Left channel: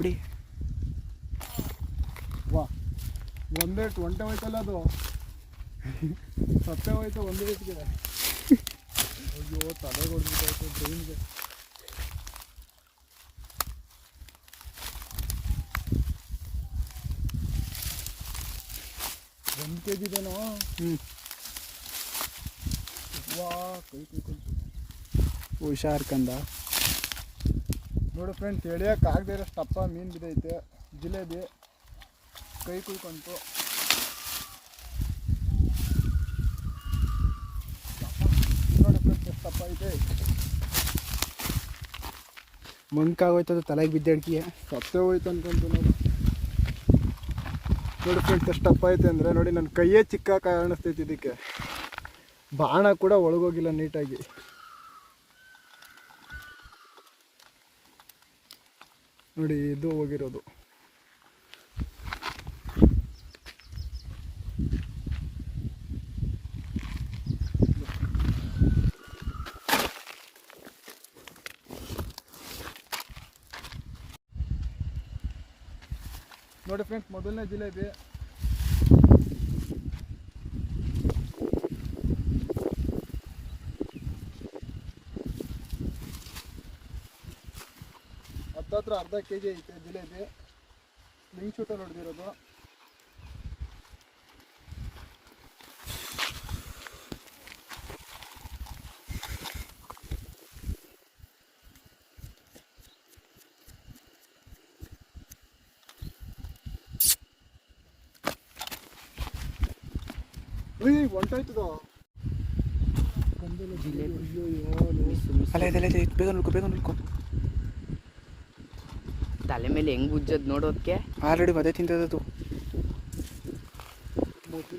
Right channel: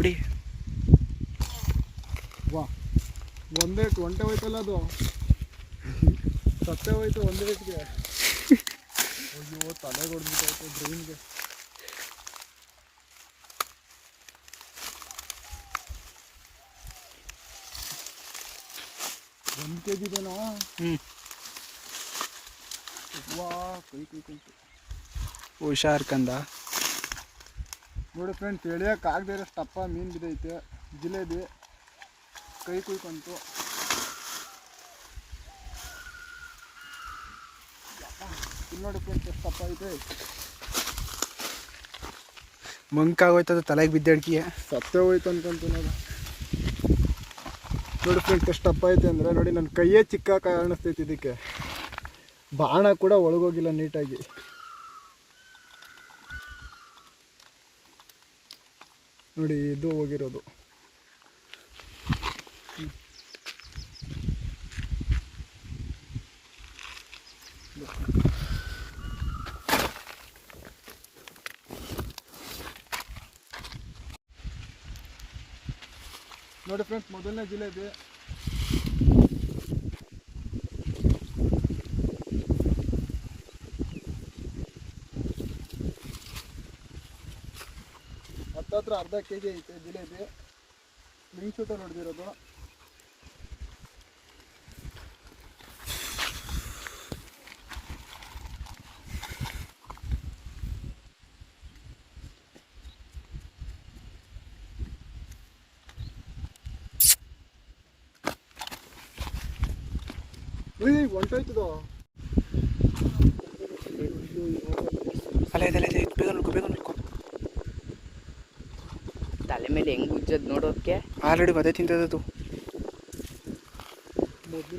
ಬಿಡಿ. ವಾ. ಒಂದೇ ಒಂಟೆ ಹೋಯ್ತಲ್ಲ ಅದು? ಸತ್ತೆ ಹೋಯ್ತು ಒಂದೇ ರೇಟ್ಗೆ ಅಯ್ಯೋ ತಲೆ ಹೊಡೆದ್ಬಿಟ್ಟಾಯ್ತು ಬ್ರೈನ್ಗೆ. ಒಂದು ಕೆ ಜಿ ಇದೇನಾ ಹ್ಞೂ ವಾ ಕೈ ಕೈ ಕೈ. ಹುಷಾರ್ ಕಂದ. ನೋಡಿ ಫ್ರೆಂಡ್ಸ್ ಎಳಿಯೋಕ್ಕಾಗದೇ ಇರೋ ಟಪ್ಪ ಮೀನು ಬಿದ್ದೈತೆ ಜಿಲೇಬಿ ಕೈ ಕುಯ್ಕೊಂತು. ನೋಡಿ ಫ್ರೆಂಡ್ಸ್ ಎಷ್ಟು ಟಪ್ಪ ಐತೆ. ಮಂಕಾಗೋಯ್ತದ ತಲೆಗೆ ಬಿದ್ದಡ್ಕಿಯ ಸತ್ತೇ ಹೋಯ್ತು ಅನ್ಕೊಂತು ನೋಡಿ. ನೋಡಿ ಫ್ರೆಂಡ್ಸ್ ಎಷ್ಟು ಟಪ್ಪ ಐತೆ ಅಂದರೆ ನೋಡಿ ನನ್ನ ಕೈಯೇ ಚಿಕ್ಕ ಕಾಣಿಸ್ತೈತೆ ಇದಕ್ಕೆ. ಬಾಣ ಕೂಡ ಒಳಗೋಗಿಲ್ಲ ನೀಟಾಗಿ ನೋಡಿ ಇದು ಹೋಗಿರೋದು. ನೋಡಿ ಫ್ರೆಂಡ್ಸ್ ಮೊದಲನೇ ಜಿಲೇಬಿ. ಹತ್ತತ್ರ ಅರ್ಧ ಕೆ ಜಿ ಐತೆ ಜಿಲೇಬಿ ಶೂಟಲ್ಲಿ ಹೊಡೆದಿರೋದು. ಹೊಂಟೋಯ್ತದು ಅಲ್ಲ, ಇದೆಲ್ಲ ಇದೆ ಇದು. ಬೇಗ ನೋಡ್ಕೊ ಬೇಗ ನೋಡ್ಕೊ. ತಲೆ ಮೇಲೆ ಹೆಂಗ್ ಉಜ್ಜದ್ ನೋಡೋಕೆ? ಆಲ್ರೆಡಿ ಬದೇ ತಿಂತದದು ಬನ್ನಿ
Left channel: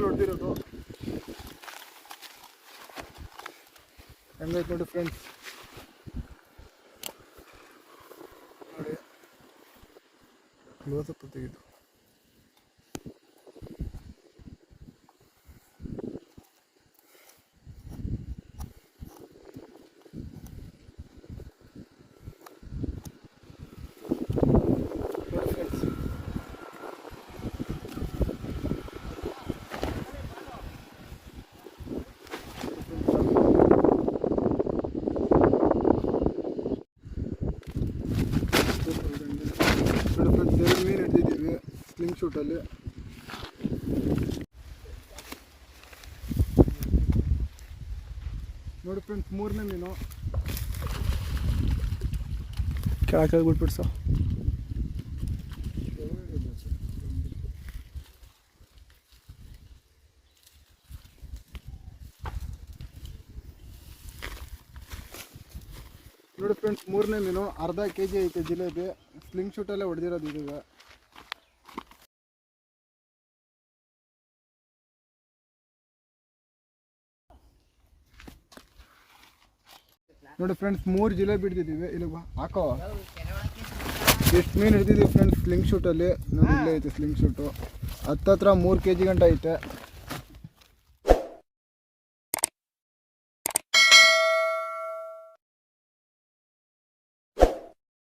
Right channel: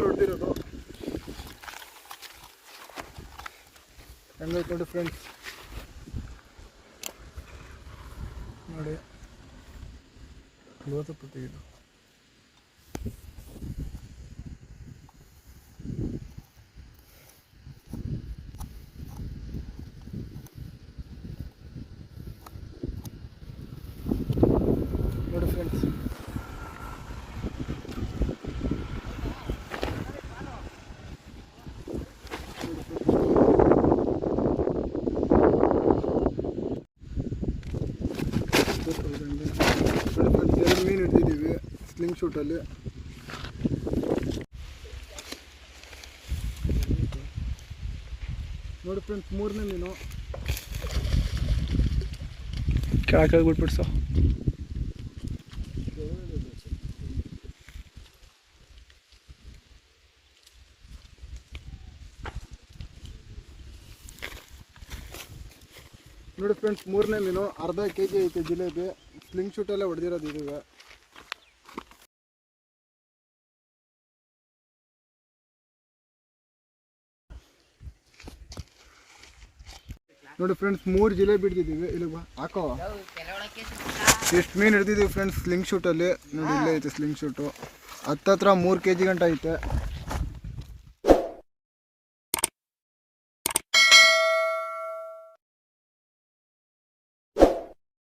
ಹೊಡೆದಿರೋದು ಹೆಂಗೈತೆ ನೋಡಿ ಫ್ರೆಂಡ್ಸ್ ನೋಡಿ ಕ್ಲೋಸಪ್ ತೆಗೆದು ನೋಡಿ ಫ್ರೆಂಡ್ಸ್ ನೋಡಿ ಫ್ರೆಂಡ್ಸ್ ಎರಡು ಮೀನು ಹಿಡ್ದಿದ್ದೀವಿ ಶೂಟಲ್ಲಿ ನೋಡಿ ಫ್ರೆಂಡ್ಸ್ ಮೂರನೇ ಮೀನು. ಕೆಳಕ್ಕೆ ಸರ್ ನೋಡಿ ಫ್ರೆಂಡ್ಸ್ ಮೂರನೇ ಮೀನು ಅರ್ಧ ಕೆ ಜಿ ಐತೆ ಜಿಲೇಬಿ. ಸ್ಲಿಂಗ್ ಶೂಟಲ್ಲೇ ಹೊಡೆದಿರೋದು ಇದೀಗ. ನೋಡಿ ಫ್ರೆಂಡ್ಸ್ ಮೂರು ಜಿಲೇಬಿ ಹಿಡ್ದಿದ್ದೀವಿ. ಇಲ್ಲಿ ಬಾ, ಹಾಕೋ. ಎಷ್ಟು ಮೀನು ಹಿಡ್ದಿದ್ದೀವಿ ಫ್ರೆಂಡ್ಸ್ ಸ್ಲಿಂಗ್ ಶೂಟಲ್ಲಿ ನೋಡಿ, ಇಲ್ಲೇ ಐತೆ ಸ್ಲಿಂಗ್ ಶೂಟು ಹತ್ತತ್ರ ಮೂರು ಕೆ ಜಿ ಗಂಟ ಐತೆ.